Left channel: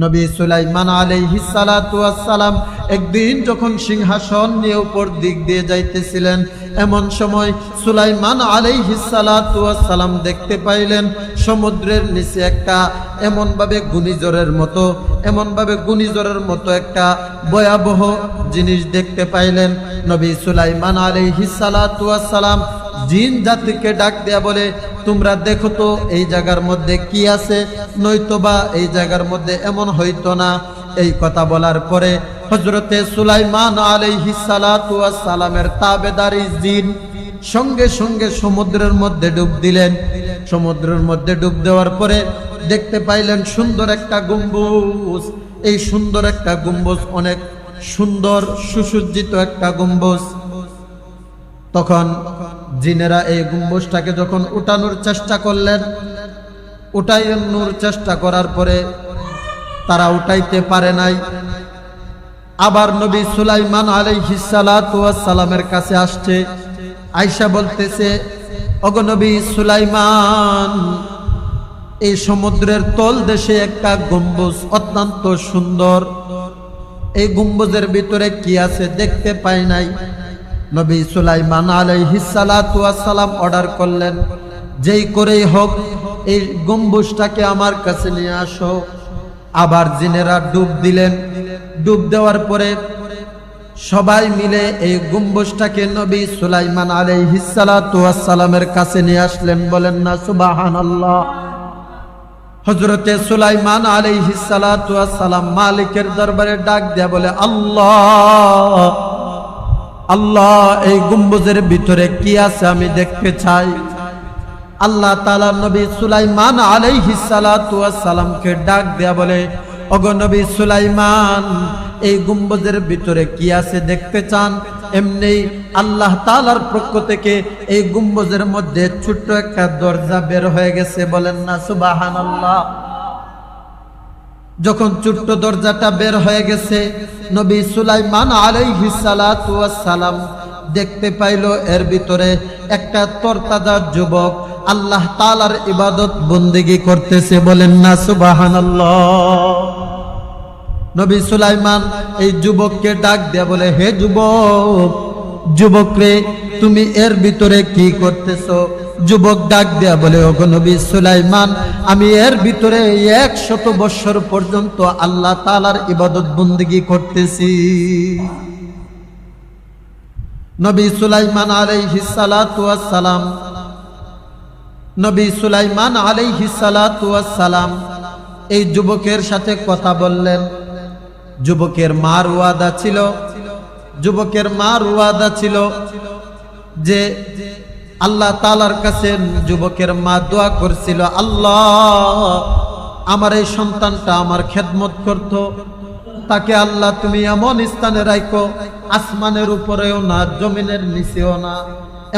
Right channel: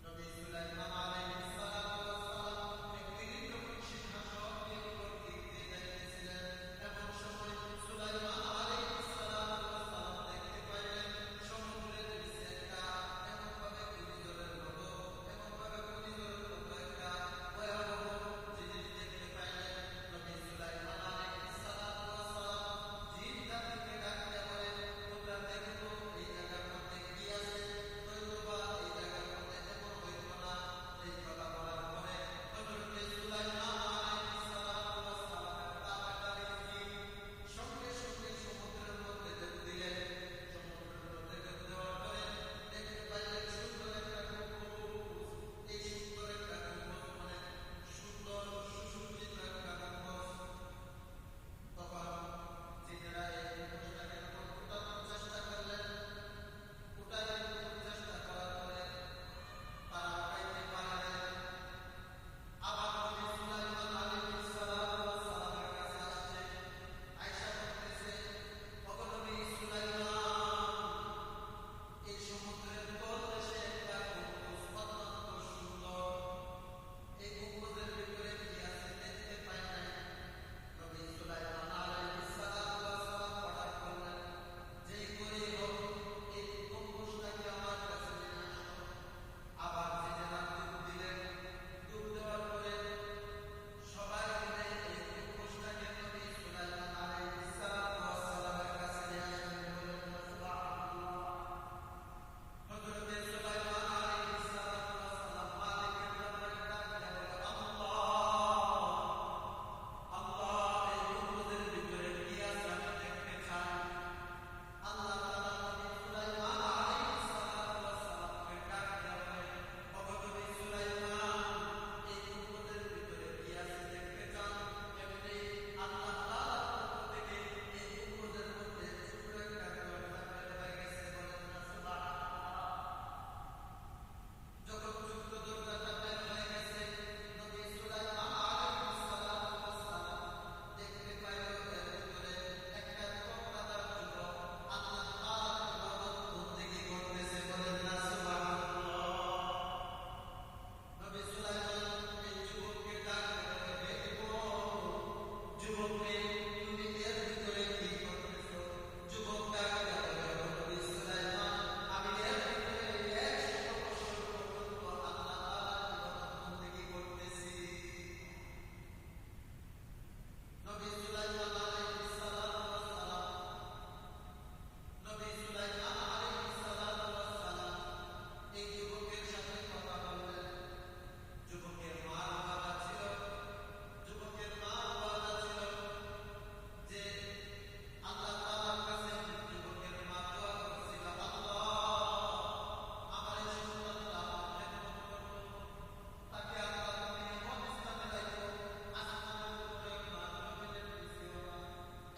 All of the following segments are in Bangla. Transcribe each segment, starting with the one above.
নবী সুলাইমান আলাইহিস সালাতু ওয়াস সালাম একদিন যখন সিংহাসন নিয়ে উপর দিক দিয়ে যাইতেছিলেন, এমন সময় সুলাইমান আলাইহিস সালাতু ওয়াস সালাম দেখতে পাইলেন সমুদ্রের নিচে একটা এমনভাবে ঘূর্ণিঝড়ের মতো একটা ভয়াবহ জিনিস দেখতে পাইলেন। নবী সুলাইমান আলাইহিস সালাতু ওয়াস সালাম জিন জাতিকে ডাক দেয়া বলে, তোমরা দেখো তো এই জায়গার মধ্যে কি আছে, নয়তোবা এই জায়গার মধ্যে এমন হইতো না। এই কথা বলার পরে হযরতে সুলাইমান আলাইহিস সালাতু ওয়াস সালামের তাবেদারি জিন সঙ্গে সঙ্গে সমুদ্রের মধ্যে ডুব দিলেন। সমুদ্রের মধ্যে ডুব দেওয়ার পরে দেখতে পাইলেন সুন্দর একটা গম্বুজ। এই সুন্দর একটা গম্বুজ, অনেক সুন্দর সুসজ্জিত একটা গম্বুজ। তখন জিনেরা এই গম্বুজটাকে যখন উঠানোর চেষ্টা করলেন, উঠানোর চেষ্টা করার পরে তারা উঠাইতে পারে নাই। আবার নবী সুলাইমান আলাইহিস সালাতু ওয়াস সালামের কাছে আসছে, আয়েশা বলতেছে, ওগো নবী সুলাইমান, এই সমুদ্রের তল দেশে একটা গম্বুজ অত্যন্ত সুন্দর, এই গম্বুজের ভিতরে কি আছে দেখতে পাই নাই। নবী সুলাইমান আলাইহিস সালাতু ওয়াস সালাম অর্ডার করলেন, যেই করেই হোক এই গম্বুজটাকে আমার কাছে নিয়ে আসো। আবার জিনেরা ডুব দিলেন। ডুব দেওয়ার পরে সবাই মিলে এই গম্বুজটাকে নবী সুলাইমান আলাইহিস সালাতু ওয়াস সালামের কাছে নিয়ে আসলেন। বলেন না সুবহানাল্লাহ। হযরতে সুলাইমান আলাইহিস সালাতু ওয়াস সালাম মালিকের দরবারে ডাক দেয়া বলে, আল্লাহ আল্লাহ, এই গম্বুজের ভিতরে কি আছে আমি দেখতে চাই। আল্লাহ তাআলা নবী সুলাইমান আলাইহিস সালাতু ওয়াস সালামকে ডাক দেয়া বলে, ওগো নবী সুলাইমান, এই গম্বুজের ভিতরে কি আছে দেখতে চান? এমনি আল্লাহ তাআলার পক্ষ থেকে এই গম্বুজের মধ্যে ছোট্ট একটা দরজা বের হয়ে গেছে। বলেন না সুবহানাল্লাহ। যখন ছোট্ট দরজাটা বের হয়ে গেছে, নবী সুলাইমান আলাইহিস সালাতু ওয়াস সালাম দেখতে পাইল এর ভিতরে একটা তরতাজা যুবক আল্লাহ তাআলার ইবাদত বন্দেগী করতেছে। বলেন না সুবহানাল্লাহ। নবী সুলাইমান এই যুবককে ডাক দেয়া বলে, হে যুবক, যুবক রে, তুমি এর ভিতরে কি করতেছো? যুবক ডাক দেয়া বলে, ওগো নবী সুলাইমান, আমি এর ভিতরে 100 বছর পর্যন্ত আল্লাহ তাআলার ইবাদত বন্দেগী করতেছি। নবী সুলাইমান আলাইহিস সালাতু ওয়াস সালাম, নবী সুলাইমান আলাইহিস সালাতু ওয়াস সালাম এই যুবকের সাথে কথা বললেন। যুবকের মার ওয়াদা ছিল যে আল্লাহ তাআলার কাছে যুবকের মা দোয়া করছিল, আল্লাহ, আমার এই সন্তানটা আমার খেদমত করত, তাকে আল্লাহ তুমি এমন স্থানে রাখো, আসমানের উপরেও না, জমিনের নিচেও না,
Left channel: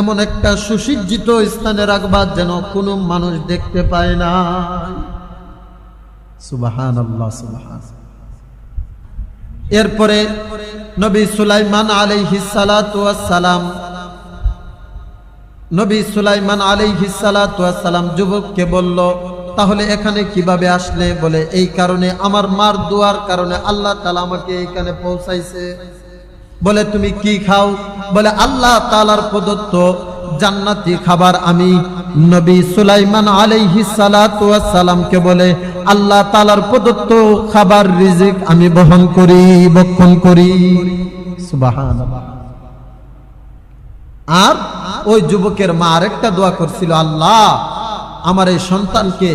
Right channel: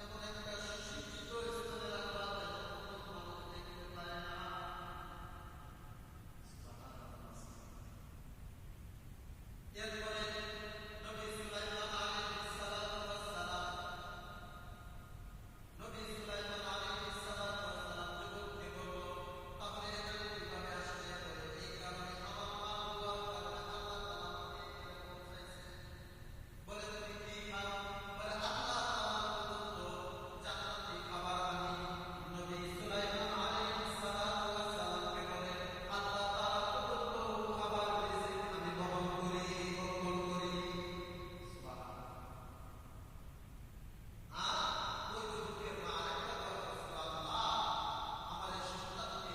এমন একটা সুসজ্জিত স্থানে রাখবা যেন কোনো মানুষ দেখতে পায় না। সুবহানাল্লাহ, সুবহানাল্লাহ। এরপরে নবী সুলাইমান আলাইহিস সালাতু ওয়াস সালাম, নবী সুলাইমান আলাইহিস সালাতু ওয়াস সালাম যুবককে বলল, তাহলে এখানে কিভাবে আসলে? বলে, এই কারণে, আমার মার দোয়ার কারণে আল্লাহ তাআলা আমাকে এখানে পৌঁছাইছে। বলে, তুমি কি খাও? বলে, আল্লাহ তাআলার প্রদত্ত জান্নাতি খাবার আমি। নবী সুলাইমান আলাইহিস সালাতু ওয়াস সালামকে বলে, আল্লাহ তাআলার প্রদত্ত খাবার রিজিক আমি বহন করি, ভক্ষণ করি। সুবহানাল্লাহ। আর ওই যুবকের মা আরেকটা দোয়া করছিল, আল্লাহ, আমার এই সন্তানকে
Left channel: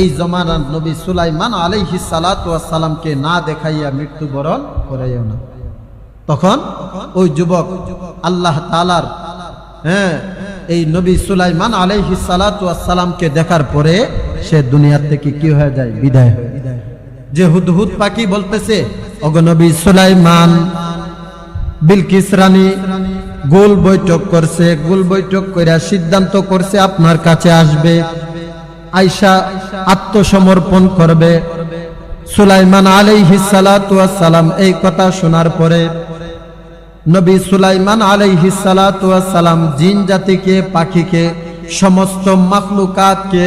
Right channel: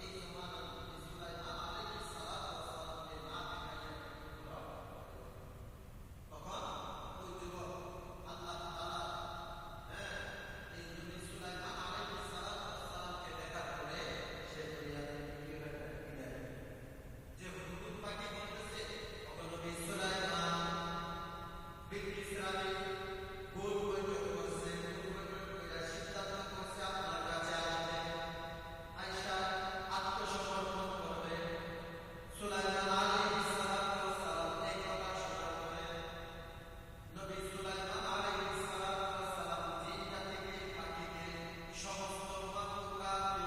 এই জমানার নবী সুলাইমান আলাইহিস সালাতু ওয়াস সালামকে না দেখাইয়া মৃত্যুবরণ করাইও না। তখন ওই যুবক আল্লাহ তাআলার এই নবী সুলাইমান আলাইহিস সালাতু ওয়াস সালামকে দেখার পরে সে দুনিয়া থেকে কি হয়ে যায়? বিদায় হয়ে যায়। যে হুদহুদ পাখি বলতেছে, ওগো নবী সুলাইমান, বিলকিস রানী গোল বৈঠক করছে, গোল বৈঠক কইরা সিদ্ধান্ত করছে আপনার কাছে আসবে, আয়েশা আত্মসমর্পণ করবে। সুলাইমান আলাইহিস সালাতু ওয়াস সালাম এই কথা শোনার পরে নবী সুলাইমান আলাইহিস সালাতু ওয়াস সালাম জিন জাতিকে, পাখিকে, সমস্ত মাখলুকাতকে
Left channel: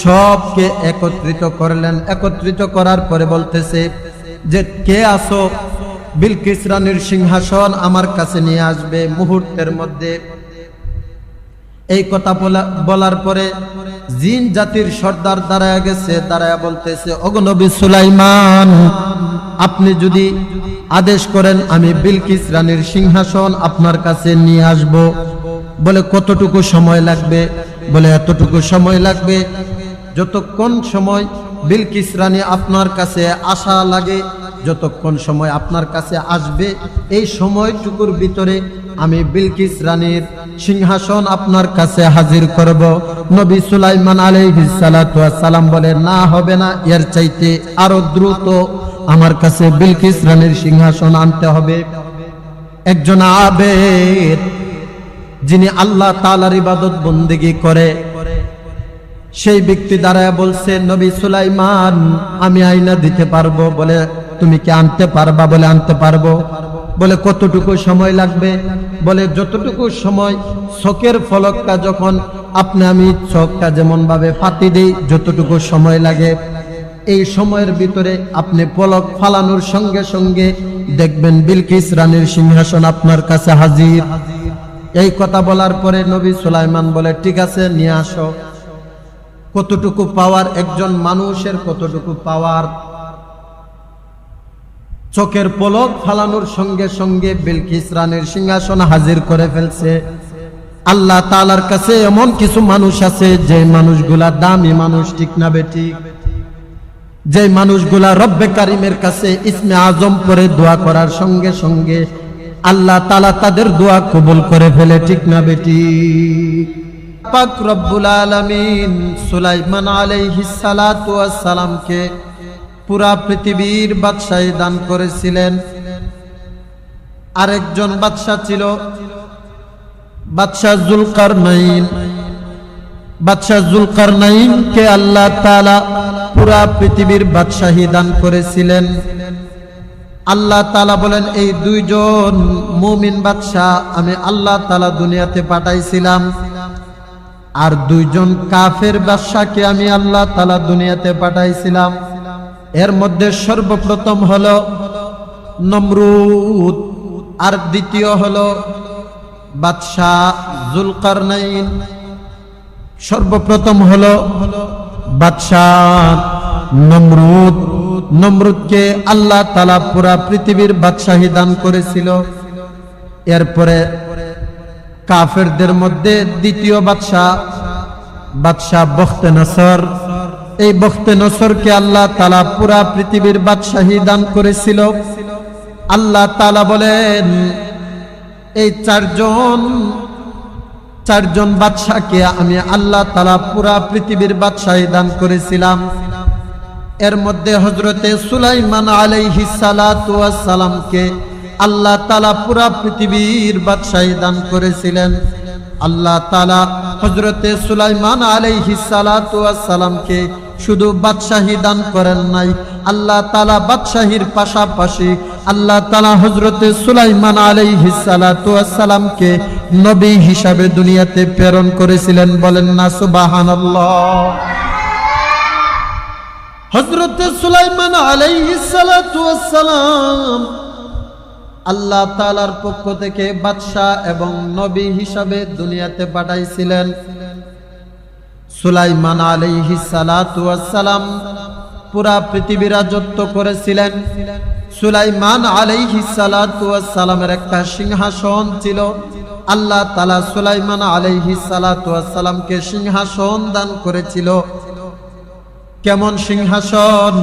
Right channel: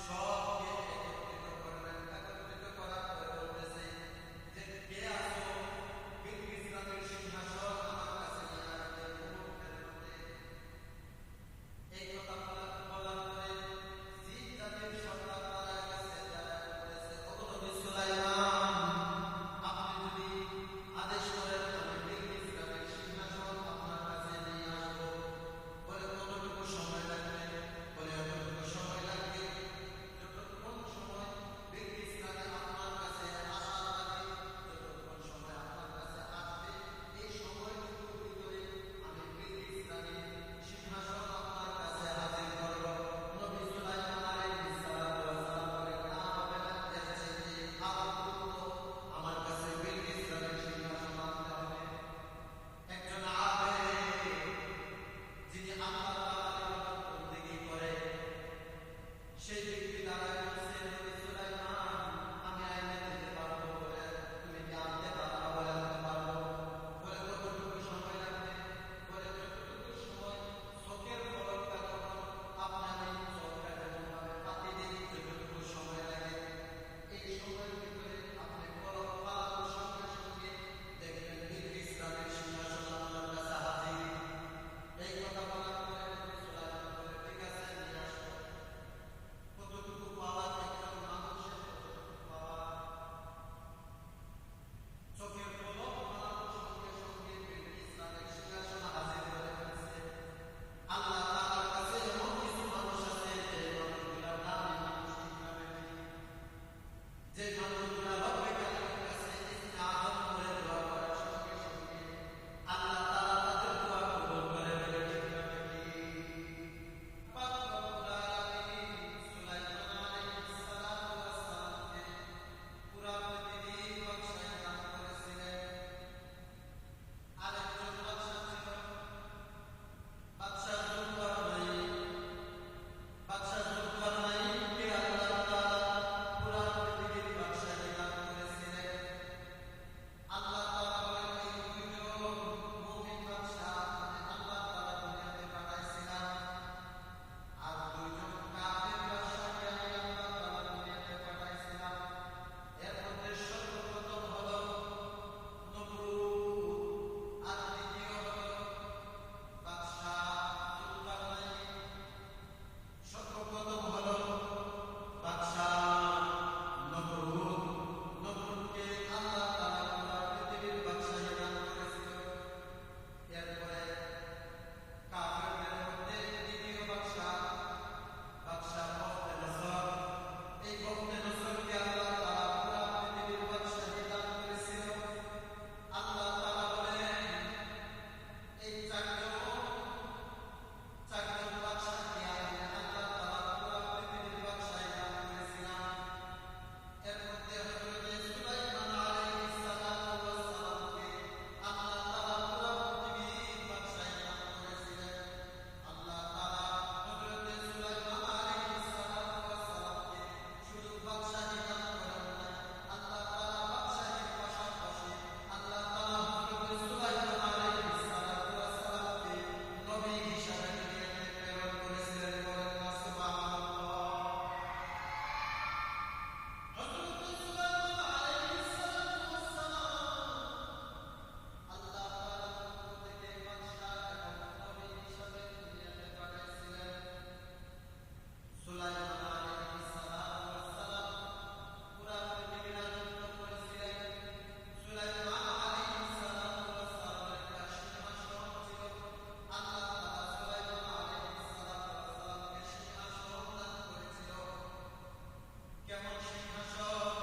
সবকে একত্রিত করলেন। একত্রিত করার পরে বলতেছে যে কে আসো, বিলকিস রানীর সিংহাসন আমার কাছে নিয়ে আসবে মুহূর্তের মধ্যে। এই কথা বলার পরে জিন জাতির সর্দার দাঁড়ায় গেছে, দাঁড়ায় বলতেছে ওগো নবী সুলাইমান, আপনি যদি আদেশ করেন আমি বিলকিস রানীর সিংহাসন আপনার কাছে নিয়ে আসব। বলে কতটুকু সময় লাগবে? বলে এতটুকু সময় লাগবে যতক্ষণ সময় বিলকিস রানী আপনার কাছে আসা লাগে, যতক্ষণ সময় আপনার কাছে আসবে এই সময়টুকুর ভিতরে আমি বিলকিস রানীর সিংহাসন আপনার কাছে হাজির করব। নবী সুলাইমান আলাইহিস সালাতু ওয়াস সালাম বলে না, হবে না, এর চাইতে আরো দ্রুত আমার কাছে বিলকিস রানীর সিংহাসন আনতে হবে। একজন আবেদ যিনি আল্লাহ তাআলার ইবাদত বন্দেগী করে সেই ব্যক্তি দাঁড়ায় বলছে নবী সুলাইমান আমি আইনা দিতে পারবো। বলে তুমি কি আনতে পারবা? বলে আনতে পারবো। বলে কতটুকু সময় লাগবে? বলে যতটুকু সময় চোখের ফলকটা যখন আমি চোখটা যেমন ভাবে ফাতি দেই যতটুকু সময় লাগে এই সময়ের ভিতরে আপনি পলক ফালানোর সঙ্গে সঙ্গে দেখবেন বিলকিস রানীর সিংহাসন আপনার কাছে হাজির। এই কথা বলার পরে নবী সুলাইমান বলে ঠিক আছে নিয়ে আসো। কতটুকু পাওয়ার একজন মানুষের, কতটুকু পাওয়ার! চোখের পলক ফালানোর সঙ্গে সঙ্গে বিলকিস রানীর সিংহাসন হাজির করে ফেলছে। আল্লাহ তাআলার কাছে এমন কিছু মানুষ আছে যে মানুষগুলা দামি মানুষ, ঠিক না বেঠিক? যে মানুষগুলা রব্বে কারিমের কাছে ইসমে আজম পড়ে দোয়া করার সঙ্গে সঙ্গে আল্লাহ তাআলা তাদের দোয়া কবুল করে ফেলে, ঠিক না বেঠিক? পাক রব্বুল আলামিন সুলাইমান আলাইহিস সালাতু ওয়াস সালামকে পুরা পৃথিবীর বাদশাহী দান করেছিলেন। আরেকজন বাদশা ছিল বাদশাহ যুলকারনাইন। বাদশাহ যুলকারনাইনকে আল্লাহ তাআলা পুরা পৃথিবীর বাদশাহী দান করেছিলেন। আল্লাহ তাআলা বলেন এই দুইজন মুমিন বাদশা আমি আল্লাহ তাআলা দুনিয়াতে পাঠাইছিলাম, আর দুইজন কাফের বাদশাকে আমি আল্লাহ তাআলা দুনিয়াতে পাঠাইছিলাম। এর মধ্যে সর্বপ্রথম হলো নমরুদ, আর দ্বিতীয় হলো বাদশাহ যুলকারনাইন। সর্বপ্রথম হলো বাদশাহ নমরুদ। নমরুদকে আল্লাহ তাআলা পুরা পৃথিবীর বাদশাহী দান করেছিল। এরপরে কাফেরদের মধ্যে দ্বিতীয় বাদশাহ বখতে নসর। এই বখতে নসরকে আল্লাহ তাআলা পুরা পৃথিবীর বাদশাহী দান করেছিল। আল্লাহ তাআলা বলেন এই চারজন বাদশাকে আমি আল্লাহ তাআলা পুরা পৃথিবীর বাদশাহী দান করেছিলাম। এর মধ্যে হযরতে সুলাইমান আলাইহিস সালাতু ওয়াস সালামকে আল্লাহ তাআলা পুরা পৃথিবীর বাদশাহী দান করেছিলেন। আল্লাহ তাআলা হযরতে সুলাইমান আলাইহিস সালাতু ওয়াস সালামকে শুধু বাদশাহী দান করেন নাই, আল্লাহ তাআলা বাদশাহীর পাশাপাশি আল্লাহ তাআলা হযরতে সুলাইমান আলাইহিস সালাতু ওয়াস সালামকে নবী হিসাবে দুনিয়াতে প্রেরণ করেছিলেন। বলেন না সুবহানাল্লাহ। হযরতে সুলাইমান আলাইহিস সালাতু ওয়াস সালাম আল্লাহ তাআলার পক্ষ থেকে বাদশা এবং নবী হিসাবে দুনিয়াতে পাঠাইছিলেন। সুলাইমান আলাইহিস সালাতু ওয়াস সালাম পুরা পৃথিবী রাজত্ব করেছিলেন। সুলাইমান আলাইহিস সালাতু ওয়াস সালামের একটা সিংহাসন ছিল। আল্লাহ তাআলা সুলাইমান আলাইহিস সালাতু ওয়াস সালামকে সিংহাসন দান করেছিল। কেমন সিংহাসন!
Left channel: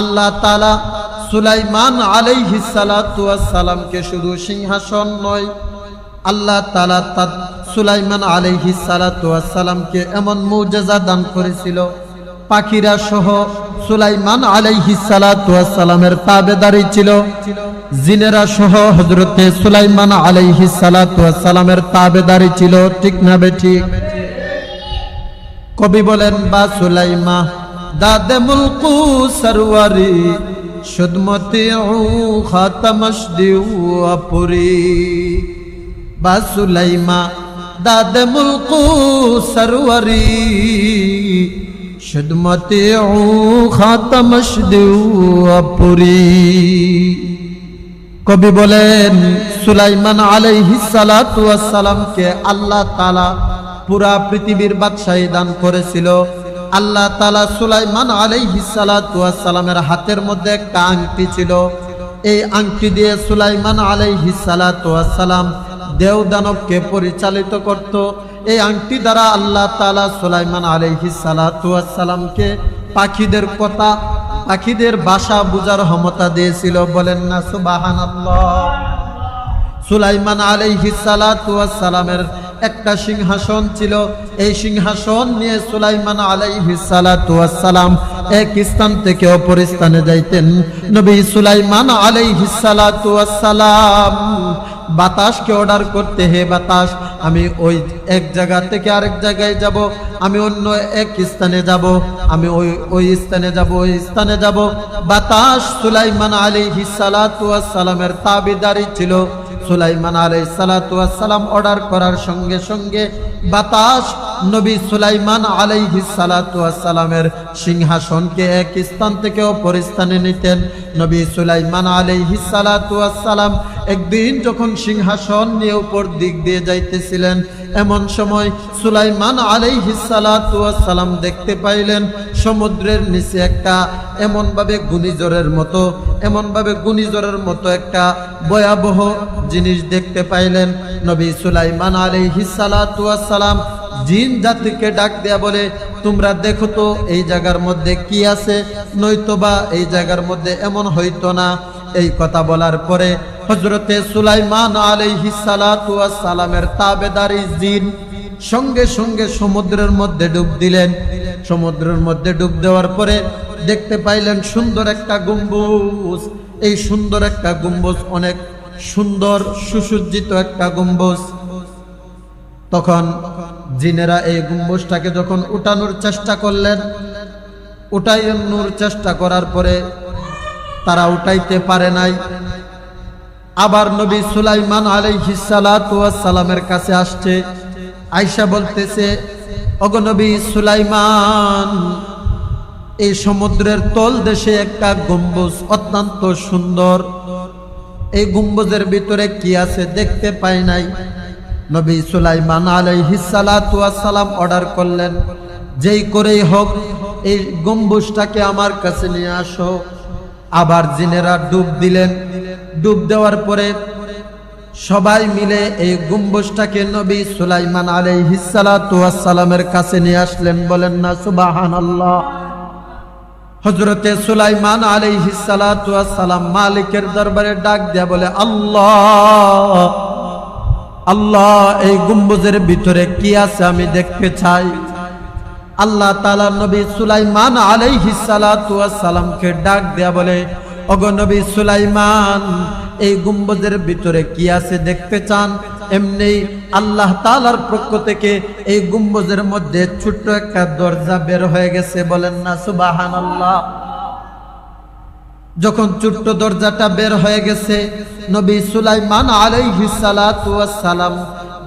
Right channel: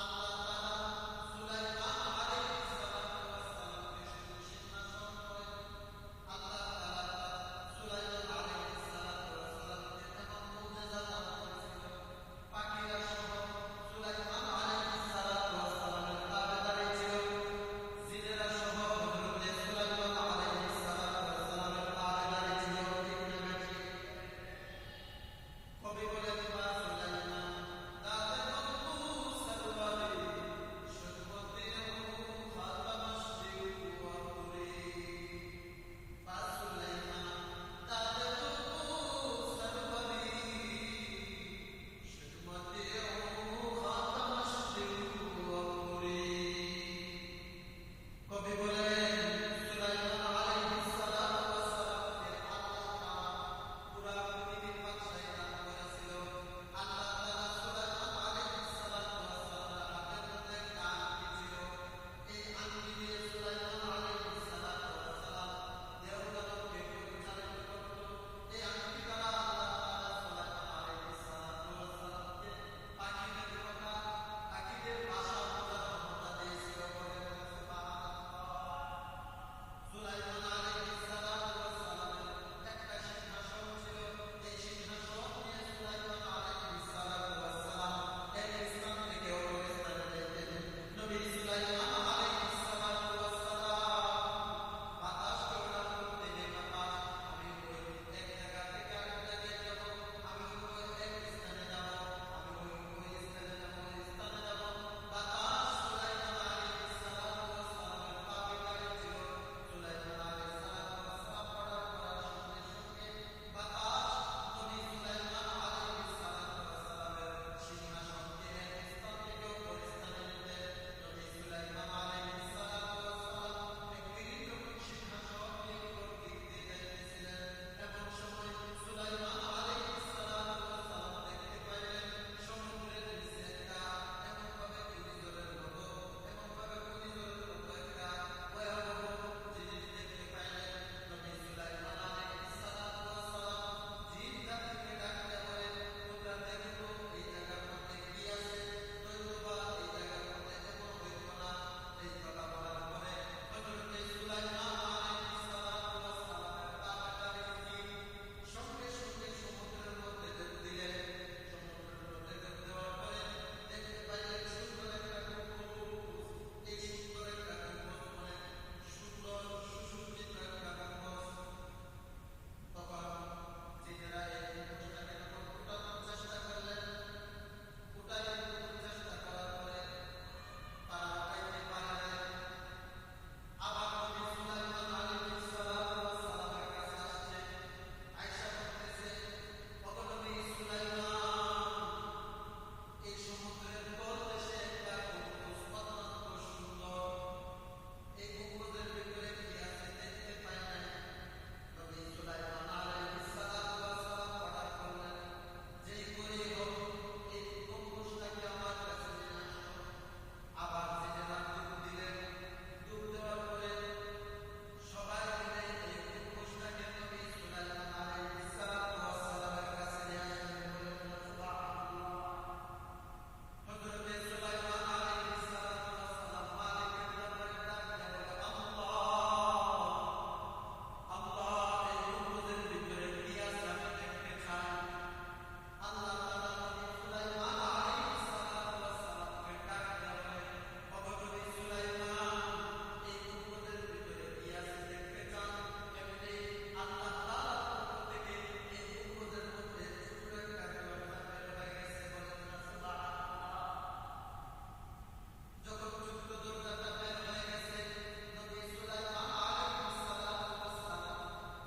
আল্লাহ তাআলা সুলাইমান আলাইহিস সালাতু ওয়াস সালামকে শুধু সিংহাসন নয়, আল্লাহ তাআলা সুলাইমান আলাইহিস সালাতু ওয়াস সালামকে এমন মুজিজা দান করেছিল, পাখিরা সহ সুলাইমান আলাইহিস সালাতু ওয়াস সালামের তাবেদারি ছিল। জিনেরা সহ হযরতে সুলাইমান আলাইহিস সালাতু ওয়াস সালামের তাবেদারি ছিল, ঠিক না বেঠিক? কবি বলেন বা সুলাইমা দাদে মুলকু সরওয়ারি শুদমতি খাতামশদিউ আপুরি। বা সুলাইমা দাদে মুলকু সরওয়ারি খিদমতে ও খাতামশ দেউ পুরি। কবি বলেন সুলাইমান আলাইহিস সালাতু ওয়াস সালামকে আল্লাহ তাআলা পুরা পৃথিবীর বাদশাহী দান করেছিল। আল্লাহ তাআলা সুলাইমান আলাইহিস সালাতু ওয়াস সালামের হাতের মধ্যে একটা আংটি ছিল। এই আংটি দিয়ে সুলাইমান আলাইহিস সালাতু ওয়াস সালাম দেও দানবকে পরিচালিত করত। এই আংটি দ্বারা আল্লাহ তাআলা সুলাইমান আলাইহিস সালাতু ওয়াস সালামকে পাখিদের কথা, পাখিদের ভাষা বুঝার ক্ষমতা দিয়েছিল। বলেন না সুবহানাল্লাহ। সুলাইমান আলাইহিস সালাতু ওয়াস সালামের একটা সিংহাসন ছিল। এই সিংহাসন নিয়ে সুলাইমান আলাইহিস সালাতু ওয়াস সালাম এক স্থান থেকে অপর স্থানে যাইতেন। নবী সুলাইমান আলাইহিস সালাতু ওয়াস সালাম বাতাসকে অর্ডার করতে, হে বাতাস আমি ওই জায়গা থেকে আরেক জায়গায় যাব, আমি অন্য এক স্থানে যাব, আমি ওই স্থানে যাব, ওই স্থানে যাব। বাতাস সুলাইমান আলাইহিস সালাতু ওয়াস সালামের তাবেদারি ছিল। সুলাইমান আলাইহিস সালাতু ওয়াস সালাম অর্ডার করার সঙ্গে সঙ্গে বাতাস নবী সুলাইমান আলাইহিস সালাতু ওয়াস সালামের সিংহাসনকে এক স্থান থেকে অপর স্থানে নিতেন। নবী সুলাইমান আলাইহিস সালাতু ওয়াস সালাম একদিন যখন সিংহাসন নিয়ে উপর দিক দিয়ে যাইতেছিলেন, এমন সময় সুলাইমান আলাইহিস সালাতু ওয়াস সালাম দেখতে পাইলেন সমুদ্রের নিচে একটা এমনভাবে ঘূর্ণিঝড়ের মতো একটা ভয়াবহ জিনিস দেখতে পাইলেন। নবী সুলাইমান আলাইহিস সালাতু ওয়াস সালাম জিন জাতিকে ডাক দেয়া বলে, তোমরা দেখো তো এই জায়গার মধ্যে কি আছে, নয়তোবা এই জায়গার মধ্যে এমন হইতো না। এই কথা বলার পরে হযরতে সুলাইমান আলাইহিস সালাতু ওয়াস সালামের তাবেদারি জিন সঙ্গে সঙ্গে সমুদ্রের মধ্যে ডুব দিলেন। সমুদ্রের মধ্যে ডুব দেওয়ার পরে দেখতে পাইলেন সুন্দর একটা গম্বুজ। এই সুন্দর একটা গম্বুজ, অনেক সুন্দর সুসজ্জিত একটা গম্বুজ। তখন জিনেরা এই গম্বুজটাকে যখন উঠানোর চেষ্টা করলেন, উঠানোর চেষ্টা করার পরে তারা উঠাইতে পারে নাই। আবার নবী সুলাইমান আলাইহিস সালাতু ওয়াস সালামের কাছে আসছে, আয়েশা বলতেছে, ওগো নবী সুলাইমান, এই সমুদ্রের তল দেশে একটা গম্বুজ অত্যন্ত সুন্দর, এই গম্বুজের ভিতরে কি আছে দেখতে পাই নাই। নবী সুলাইমান আলাইহিস সালাতু ওয়াস সালাম অর্ডার করলেন, যেই করেই হোক এই গম্বুজটাকে আমার কাছে নিয়ে আসো। আবার জিনেরা ডুব দিলেন। ডুব দেওয়ার পরে সবাই মিলে এই গম্বুজটাকে নবী সুলাইমান আলাইহিস সালাতু ওয়াস সালামের কাছে নিয়ে আসলেন। বলেন না সুবহানাল্লাহ। হযরতে সুলাইমান আলাইহিস সালাতু ওয়াস সালাম মালিকের দরবারে ডাক দেয়া বলে, আল্লাহ আল্লাহ, এই গম্বুজের ভিতরে কি আছে আমি দেখতে চাই। আল্লাহ তাআলা নবী সুলাইমান আলাইহিস সালাতু ওয়াস সালামকে ডাক দেয়া বলে, ওগো নবী সুলাইমান, এই গম্বুজের ভিতরে কি আছে দেখতে চান? এমনি আল্লাহ তাআলার পক্ষ থেকে এই গম্বুজের মধ্যে ছোট্ট একটা দরজা বের হয়ে গেছে। বলেন না সুবহানাল্লাহ। যখন ছোট্ট দরজাটা বের হয়ে গেছে, নবী সুলাইমান আলাইহিস সালাতু ওয়াস সালাম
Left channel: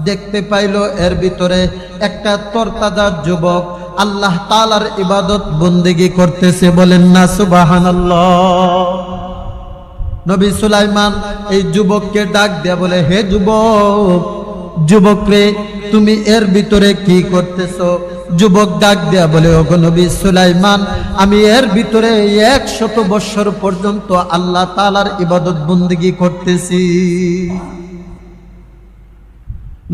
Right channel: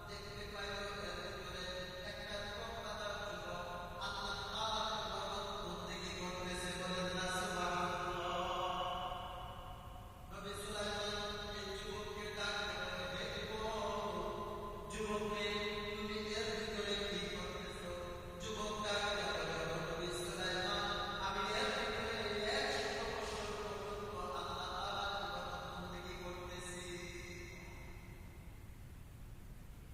দেখতে পাইল এর ভিতরে একটা তরতাজা যুবক আল্লাহ তাআলার ইবাদত বন্দেগী করতেছে। বলেন না সুবহানাল্লাহ। নবী সুলাইমান এই যুবককে ডাক দেয়া বলে, হে যুবক, যুবক রে, তুমি এর ভিতরে কি করতেছো? যুবক ডাক দেয়া বলে, ওগো নবী সুলাইমান, আমি এর ভিতরে 100 বছর পর্যন্ত আল্লাহ তাআলার ইবাদত বন্দেগী করতেছি।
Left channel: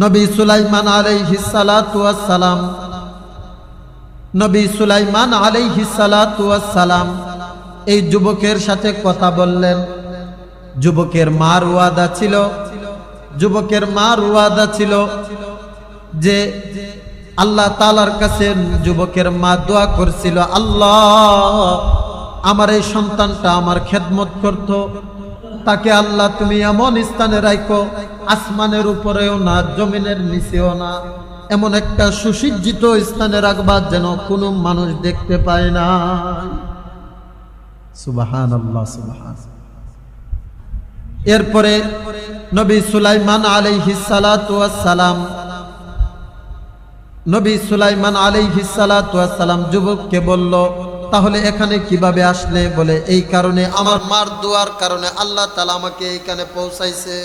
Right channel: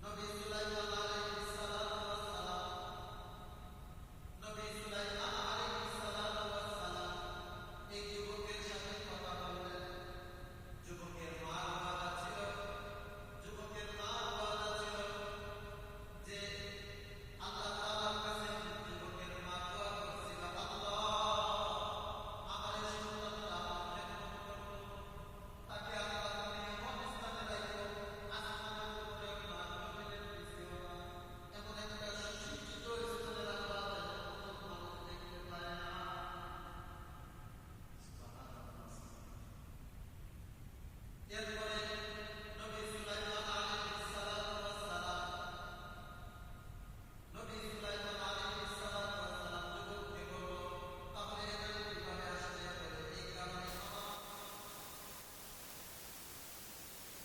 নবী সুলাইমান আলাইহিস সালাতু ওয়াস সালাম, নবী সুলাইমান আলাইহিস সালাতু ওয়াস সালাম এই যুবকের সাথে কথা বললেন। যুবকের মার ওয়াদা ছিল যে আল্লাহ তাআলার কাছে যুবকের মা দোয়া করছিল, আল্লাহ আমার এই সন্তানটা আমার খেদমত করত, তাকে আল্লাহ তুমি এমন স্থানে রাখো, আসমানের উপরেও না জমিনের নিচেও না, এমন একটা সুসজ্জিত স্থানে রাখবা যেন কোনো মানুষ দেখতে পায় না। সুবহানাল্লাহ, সুবহানাল্লাহ। এরপরে নবী সুলাইমান আলাইহিস সালাতু ওয়াস সালাম নবী সুলাইমান আলাইহিস সালাতু ওয়াস সালাম যুবককে বলল, তাহলে এখানে কিভাবে আসলে? বলে এই কারণে, আমার মার দোয়ার কারণে আল্লাহ তাআলা আমাকে এইখানে পৌঁছাইছে।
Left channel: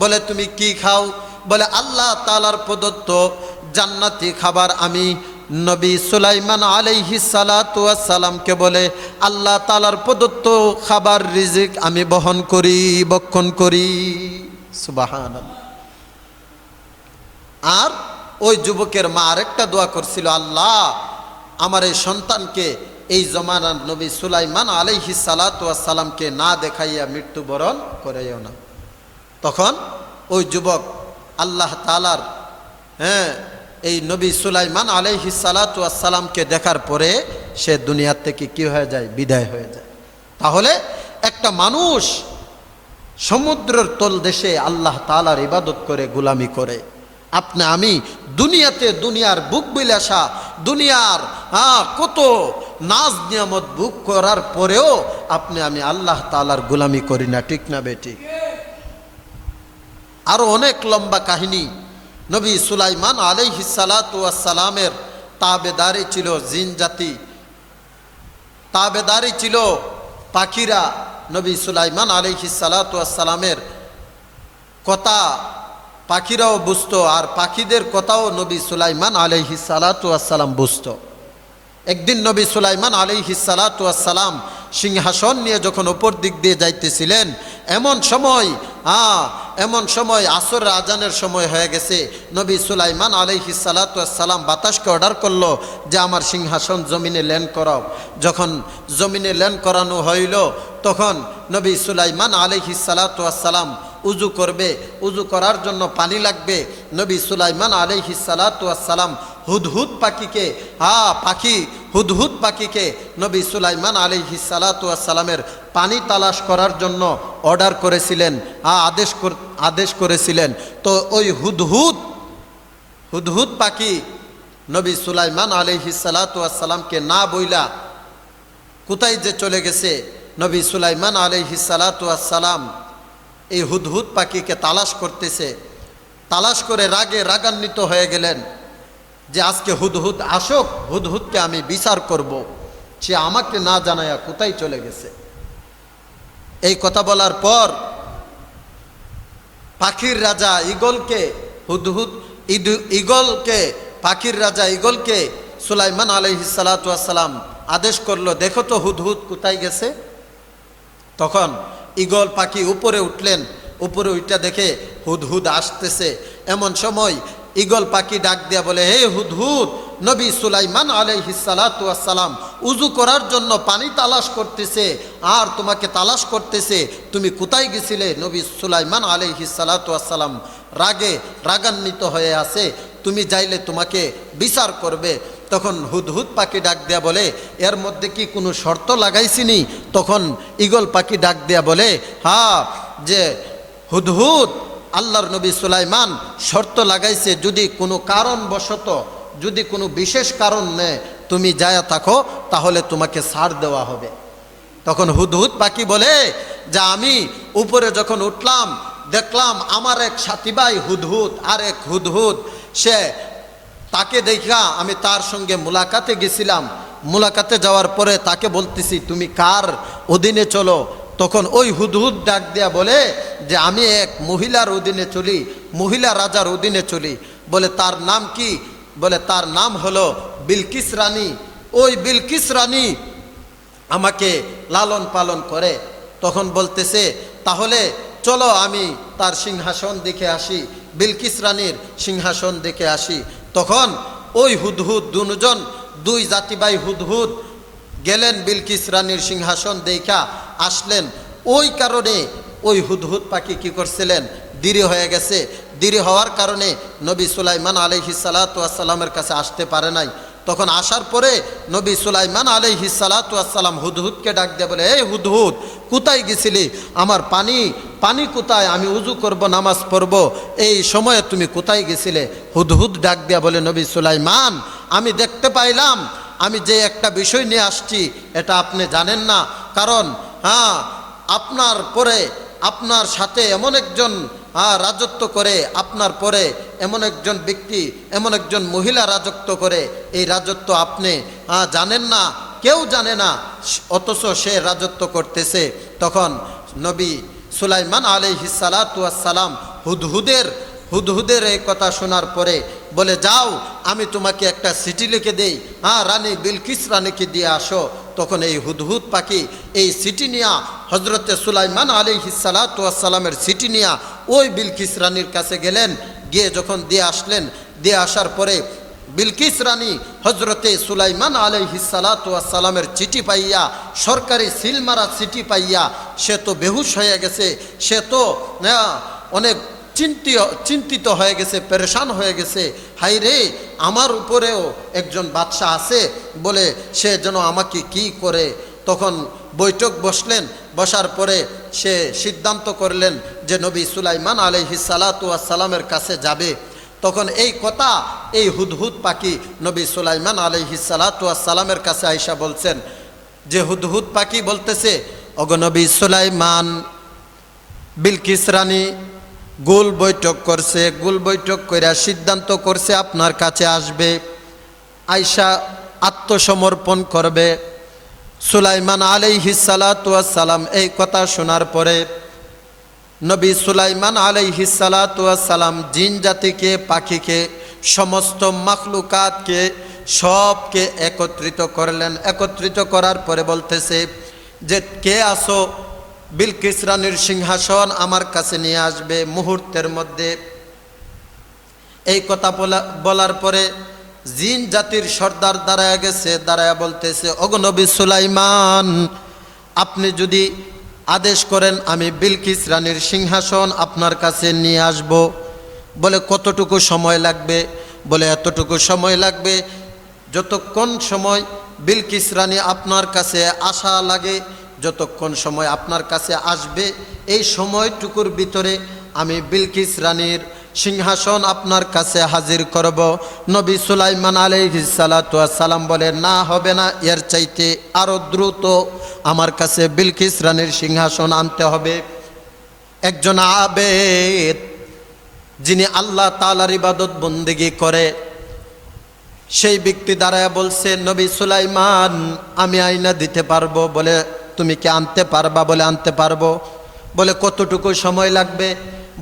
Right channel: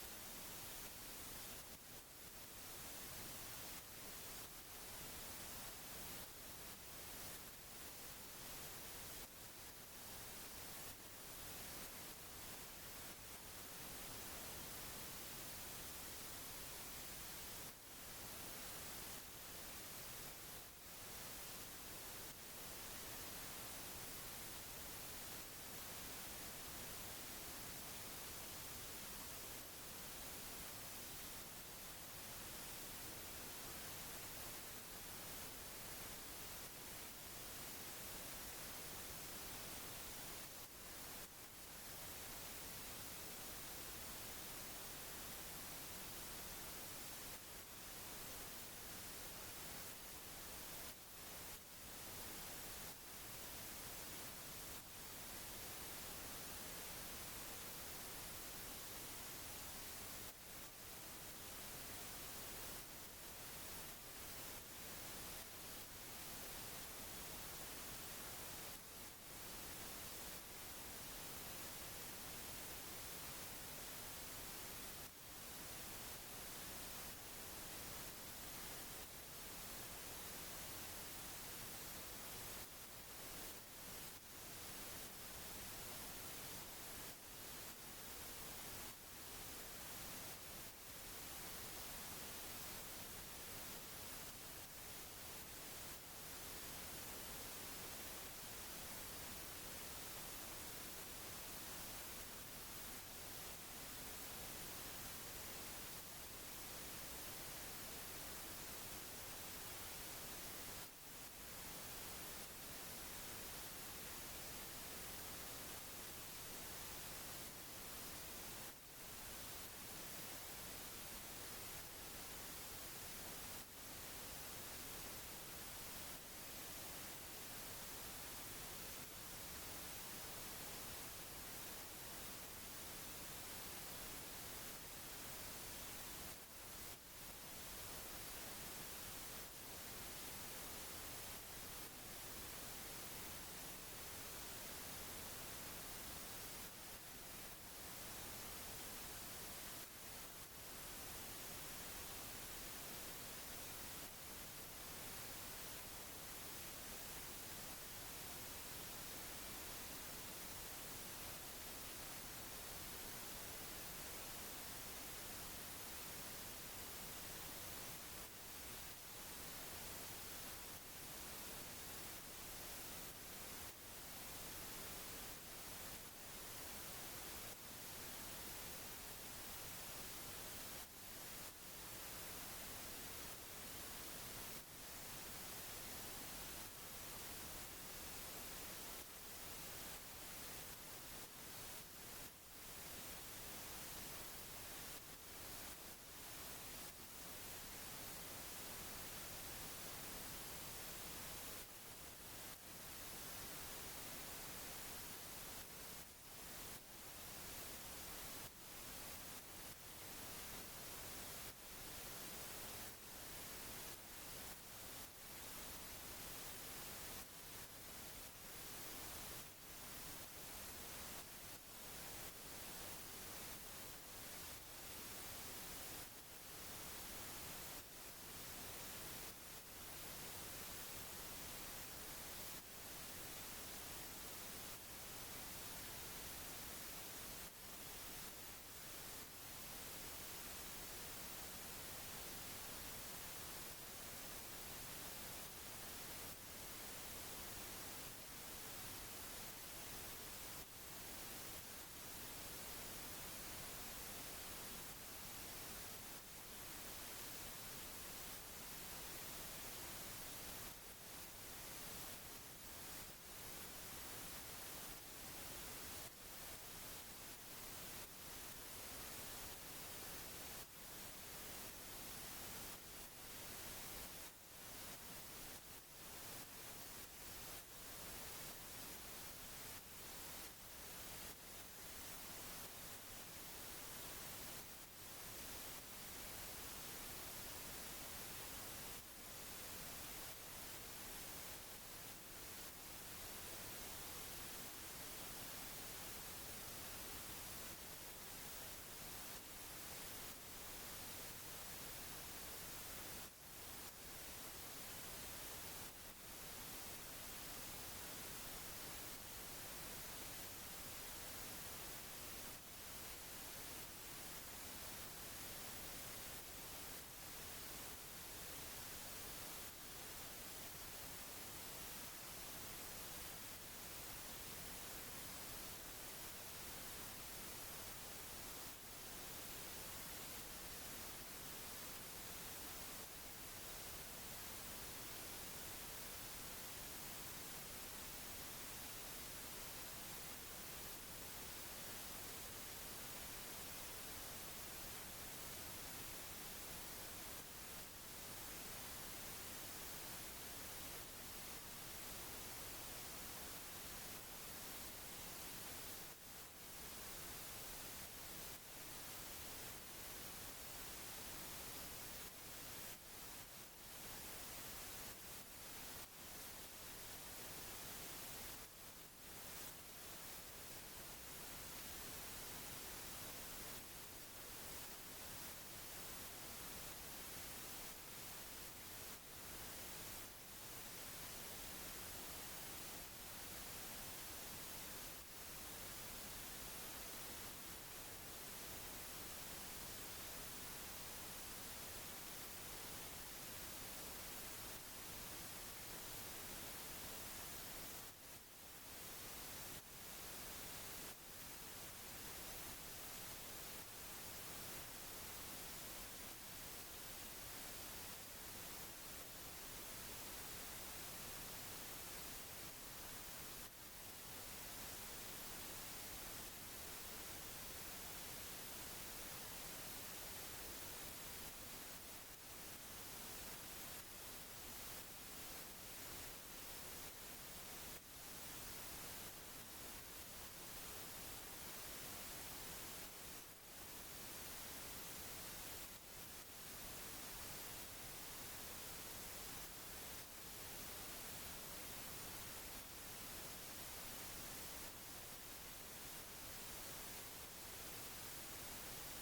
বলে তুমি কি খাও? বলে আল্লাহ তাআলার প্রদত্ত জান্নাতি খাবার আমি নবী সুলাইমান আলাইহিস সালাতু ওয়াস সালামকে বলে আল্লাহ তাআলার প্রদত্ত খাবার রিজিক আমি বহন করি, ভক্ষণ করি। সুবহানাল্লাহ। আর ওই যুবকের মা আরেকটা দোয়া করছিল, আল্লাহ আমার এই সন্তানকে এই জমানার নবী সুলাইমান আলাইহিস সালাতু ওয়াস সালামকে না দেখাইয়া মৃত্যুবরণ করাইও না। তখন ওই যুবক আল্লাহ তাআলার এই নবী সুলাইমান আলাইহিস সালাতু ওয়াস সালামকে দেখার পরে সে দুনিয়া থেকে কি হয়ে যায়? বিদায় হয়ে যায়। তাহলে একটা মানুষ সমুদ্রের তলদেশে আল্লাহ তাআলার ইবাদত করে, গোলামি করে, আপনি আমি দুনিয়াতে দুনিয়ার বুক বিলাসা, দুনিয়ার কত নাজ নিয়ামত বুক করার পরেও আপনি আমি আল্লাহ তাআলার গোলামি করি না, ঠিক না বেঠিক? আরো অনেক লম্বা কাহিনী। নবী সুলাইমান আলাইহিস সালাতু ওয়াস সালামের তাবেদারি ছিল জিন জাতি, তাবেদারি ছিল পাখিরা। নবী সুলাইমান আলাইহিস সালাতু ওয়াস সালামের কথা পাখিরাও বুঝতো, আর পাখিদের কথাও নবী সুলাইমান আলাইহিস সালাতু ওয়াস সালাম বুঝতো। একদিন নবী সুলাইমান আলাইহিস সালাতু ওয়াস সালাম সিংহাসন নিয়ে যখন উপর দিক দিয়ে যাইতেছিলেন, এমন সময় আসরের আজানের সময় হয়ে গেছে। নবী সুলাইমান আলাইহিস সালাতু ওয়াস সালাম বাতাসকে অর্ডার করলো যে আমার সিংহাসন জমিনে ল্যান্ড করাও। যখন জমিনে ল্যান্ড করানো হইল, তখন নবী সুলাইমান আলাইহিস সালাতু ওয়াস সালাম উজু করবে, উজু করার জন্য পানি লাগবে। নবী সুলাইমান আলাইহিস সালাতু ওয়াস সালাম হুদহুদ পাখিকে হুদহুদ পাখিকে নবী সুলাইমান আলাইহিস সালাতু ওয়াস সালামের পানি তালাশ করার জন্য অর্ডার করেছিলেন, আদেশ করেছিলেন। তো ওই হুদহুদ পাখি নবী সুলাইমান আলাইহিস সালাতু ওয়াস সালামকে না বইলা কোথায় যে চলে গেছে। নবী সুলাইমান আলাইহিস সালাতু ওয়াস সালাম এই হুদহুদ পাখিকে তালাশ করতেছে। তালাশ করে রাগান্বিত হয়ে গেলেন যে আজকে হুদহুদ আসুক, হুদহুদকে আমি বিচার করব, সে আমাকে না জানায়া কোথায় চলে গেছে। এই কথা বলার পর পাখির রাজা পাখির রাজা ঈগলকে সুলাইমান আলাইহিস সালাতু ওয়াস সালাম আদেশ করলো, দেখো তো হুদহুদ কোথায় গেছে। তখন ঈগল পাখি উপরে উঠলেন, উপরে উঠা দেখে হুদহুদ আসতেছে। এমন সময় ঈগল পাখি ডাক দিয়া বলে, হে হুদহুদ, নবী সুলাইমান আলাইহিস সালাতু ওয়াস সালাম উজু করার জন্য পানি তালাশ করতেছে, আর তোমাকে তালাশ করতেছে, তুমি কোথায় গেছিলে? নবী সুলাইমান আলাইহিস সালাতু ওয়াস সালাম রাগান্বিত হয়ে আছে, তুমি যাইলে তোমাকে বিচার করবে। তখন হুদহুদ পাখি ডাক দেয়া বলে, এর মধ্যে কি কোনো শর্ত লাগাইছিনি? তখন ঈগল পাখি ডাক দেয়া বলে, যে হুদহুদ, আল্লাহর নবী সুলাইমান শর্ত লাগাইছে, যদি কোনো কারণবশত, যদি কোনো বিশেষ কারণ নেই তুমি যায়া থাকো, তাহলে তোমাকে ছাড় দেওয়া হবে। তখন হুদহুদ পাখি বলে যে আমি উপরে যখন উঠলাম, দেখলাম আমার এক সাথী ভাই হুদহুদ, আর এক হুদহুদ, তাকে দেখা আমি তার সঙ্গে মুলাকাতে গেছিলাম। মুলাকাতে যাওয়ার পরে তাকে বলতেছি, তুমি কার অধীনে চলো? তখন ওই হুদহুদ ডাক দেয়া বলে যে আমি এক মহিলার অধীনে চলি, মহিলা রাজার অধীনে চলি। বলে তার নাম কি? বলে তার নাম হলো বিলকিস রানী। ওই বিলকিস রানী আমাকে লালন পালন করে। তখন বলতেছে, তাহলে চলো আমি তার সিংহাসন দেখে আসি, বিলকিস রানীর সিংহাসন দেখে আসি। তখন ওই হুদহুদ দুই জাতিভাই হুদহুদ গেলেন বিলকিস রানীর সিংহাসন দেখা আসলেন। ওই কারণে ওই হুদহুদ পাখি কি করছিলেন? দেরি হয়ে গেছে। দেরি হওয়ার কারণে নবী সুলাইমান আলাইহিস সালাতু ওয়াস সালামের কাছে আসতে পারে নাই। তখন আসার পরে নবী সুলাইমান আলাইহিস সালাতু ওয়াস সালাম হুদহুদকে ডাক দিয়ে বলে, এই হুদহুদ, কোথায় গেছিলি? আমার পানি কোথায়? আমি উজু করব, নামাজ পড়ব, এই সময়ে তুমি কোথায় গেছিলে? হুদহুদ ডাক দিয়া বলে, নবী সুলাইমান, আমি দেখতে পাইলাম আমি যে একটা বিষয় নিয়ে আসছি এটা আপনি জানেন না, কারণ আপনার পরে আপনার সাথে এমন একজন রাজত্ব করে, আপনার পরে এমন একজন ব্যক্তি, এমন একজন মহিলা রাজত্ব করে, এই রাজত্ব আপনি জানেন না, কেউ জানে না, অথচ সে রাজত্ব করতেছে। তখন নবী সুলাইমান আলাইহিস সালাতু ওয়াস সালাম হুদহুদের এই কথা শোনার পরে বলে, যাও আমি তোমাকে একটা চিঠি লিখে দেই, রানী বিলকিস রানীকে দিয়ে আসো। তখন এই হুদহুদ পাখি এই চিঠি নিয়া, হজরতে সুলাইমান আলাইহিস সালাতু ওয়াস সালামের চিঠি নিয়া ওই বিলকিস রানীর কাছে গেলেন। গিয়ে যখন দিয়ে আসলেন, দিয়ে আসার পরে বিলকিস রানী হজরতে সুলাইমান আলাইহিস সালাতু ওয়াস সালামের চিঠি পাইয়া, সরকারি সিলমারা চিঠি পাইয়া সে তো বেহুশ হয়ে গেছে, সে তো অনেক চিন্তিত হয়ে গেছে, পেরেশান হয়ে গেছে। হাই রে, আমার উপরেও একজন বাদশাহ আছে বলে সে যেন আমাকে কি করে। তখন বৈঠক বসলেন, বসার পরে সে সিদ্ধান্ত করলেন যে নবী সুলাইমান আলাইহিস সালাতু ওয়াস সালামের কাছে যাবে। তখন এই কথা এই হুদহুদ পাখি নবী সুলাইমান আলাইহিস সালাতু ওয়াস সালামের কাছে আইসা বলছেন, যে হুদহুদ পাখি বলতেছে, ওগো নবী সুলাইমান, বিলকিস রানী গোল বৈঠক করছে, গোল বৈঠক কইরা সিদ্ধান্ত করছে আপনার কাছে আসবে, আয়সা আত্মসমর্পণ করবে। সুলাইমান আলাইহিস সালাতু ওয়াস সালাম এই কথা শোনার পরে নবী সুলাইমান আলাইহিস সালাতু ওয়াস সালাম জিন জাতিকে, পাখিকে, সমস্ত মাখলুকাতকে সবকে একত্রিত করলেন। একত্রিত করার পরে বলতেছে যে, কে আসো, বিলকিস রানীর সিংহাসন আমার কাছে নিয়ে আসবে মুহূর্তের মধ্যে। এই কথা বলার পরে জিন জাতির সর্দার দাঁড়ায় গেছে, দাঁড়ায় বলতেছে, ওগো নবী সুলাইমান, আপনি যদি আদেশ করেন আমি বিলকিস রানীর সিংহাসন আপনার কাছে নিয়ে আসব। বলে, কতটুকু সময় লাগবে? বলে, এতটুকু সময় লাগবে যতক্ষণ সময় বিলকিস রানী আপনার কাছে আসা লাগে, যতক্ষণ সময় আপনার কাছে আসবে এই সময়টুকুর ভিতরে আমি বিলকিস রানীর সিংহাসন আপনার কাছে হাজির করব। নবী সুলাইমান আলাইহিস সালাতু ওয়াস সালাম বলে, না হবে না, এর চাইতে আরো দ্রুত আমার কাছে বিলকিস রানীর সিংহাসন আনতে হবে। একজন আবেদ, যিনি আল্লাহ তাআলার ইবাদত বন্দেগী করে, সেই ব্যক্তি দাঁড়ায় বলছে, নবী সুলাইমান, আমি আইনা দিতে পারবো। বলে, তুমি কি আনতে পারবা? বলে, আনতে পারবো। বলে, কতটুকু সময় লাগবে?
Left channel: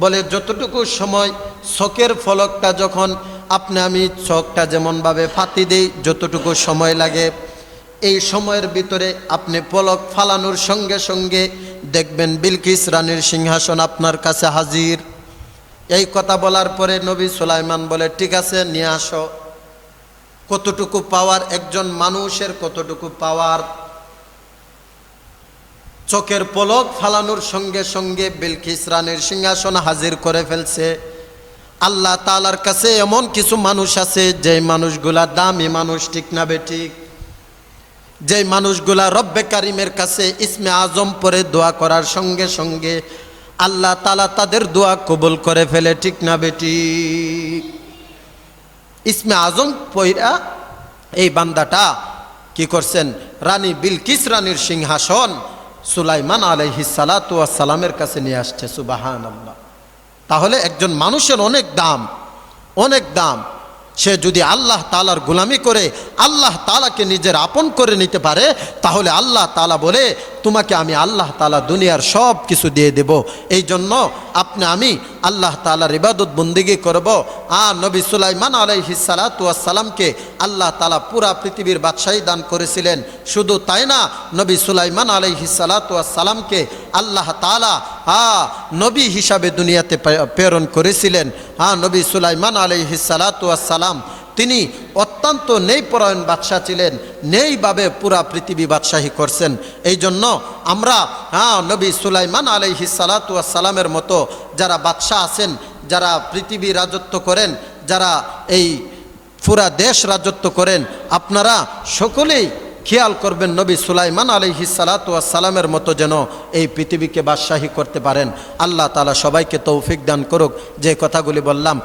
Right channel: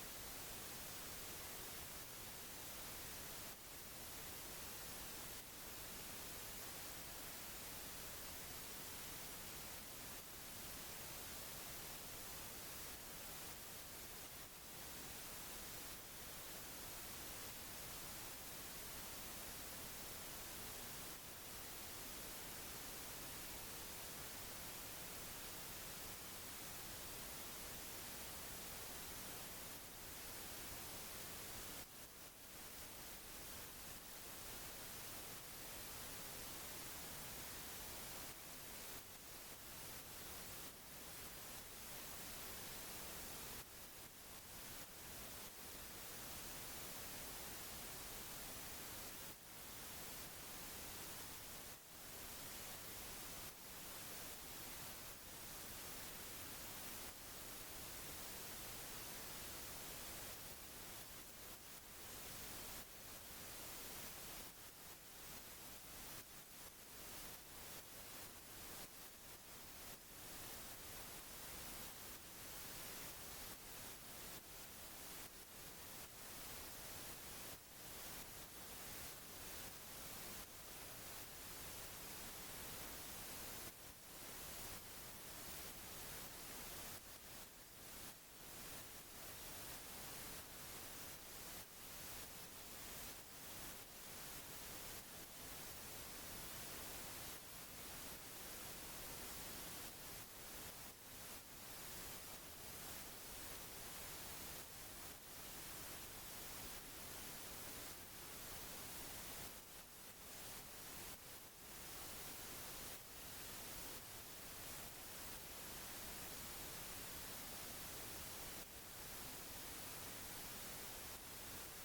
বলে, যতটুকু সময় চোখের ফলকটা যখন আমি চোখটা যেমনভাবে ফাতি দেই, যতটুকু সময় লাগে এই সময়ের ভিতরে আপনি পলক ফালানোর সঙ্গে সঙ্গে দেখবেন বিলকিস রানীর সিংহাসন আপনার কাছে হাজির। এই কথা বলার পরে নবী সুলাইমান বলে, ঠিক আছে, নিয়ে আসো। কতটুকু পাওয়ার একজন মানুষের, কতটুকু পাওয়ার! চোখের পলক ফালানোর সঙ্গে সঙ্গে বিলকিস রানীর সিংহাসন হাজির করে ফেলছে। আল্লাহ তাআলার কাছে এমন কিছু মানুষ আছে, যে মানুষগুলা দামি মানুষ, ঠিক না বেঠিক? যে মানুষগুলা রব্বে কারিমের কাছে ইসমে আজম পরে দোয়া করার সঙ্গে সঙ্গে আল্লাহ তাআলা তাদের দোয়া কবুল করে ফেলে, ঠিক না বেঠিক? ইসমে আজম পয়রা এই বান্দাটা কি করছেন? রানী বিলকিস রানীর সিংহাসন সুলাইমান আলাইহিস সালাতু ওয়াস সালামের কাছে নিয়ে আসছে। সুবহানাল্লাহ! তাহলে একজন মানুষের অনেক দাম, অনেক দাম। সে যদি আল্লাহ তাআলার গোলামি করে আল্লাহ তাআলাকে নিজের আপন করে নিতে পারে, তাহলে আল্লাহ তাআলা বলে, তোমাকে আমি আল্লাহ তাআলা দুনিয়ার সব কিছু দিয়ে দেব। এই জন্য আমি আল্লাহ তাআলার ইবাদত বন্দেগী করব। নবী সুলাইমান আলাইহিস সালাতু ওয়াস সালামকে আল্লাহ তাআলা পুরা পৃথিবীর বাদশাহী দান করেছিলেন। শুধু তাই না, নবী সুলাইমান আলাইহিস সালাতু ওয়াস সালামকে আল্লাহ তাআলা নবী হিসাবে দুনিয়াতে প্রেরণ করেছিলেন। নবী সুলাইমান আলাইহিস সালাতু ওয়াস সালাম তিনি অত্যন্ত ন্যায়পরায়ণ বাদশাহ ছিলেন, ন্যায়ভাবে পুরা পৃথিবী বাদশাহী করছেন। এই জন্য আমরা নবী সুলাইমান আলাইহিস সালাতু ওয়াস সালামের মতো যারা বাদশাহ আছেন, যারা পৃথিবী রাজত্ব করেন, যারা এই পুরা দেশ রাজত্ব করেন, আপনারা সকলেই খেয়াল করবেন নবী সুলাইমান আলাইহিস সালাতু ওয়াস সালামের মতো যেন এই পৃথিবীকে বাদশাহী করতে পারেন। আল্লাহ তাআলা সবাইকে তৌফিক দান করুক। যে কথাগুলি বললাম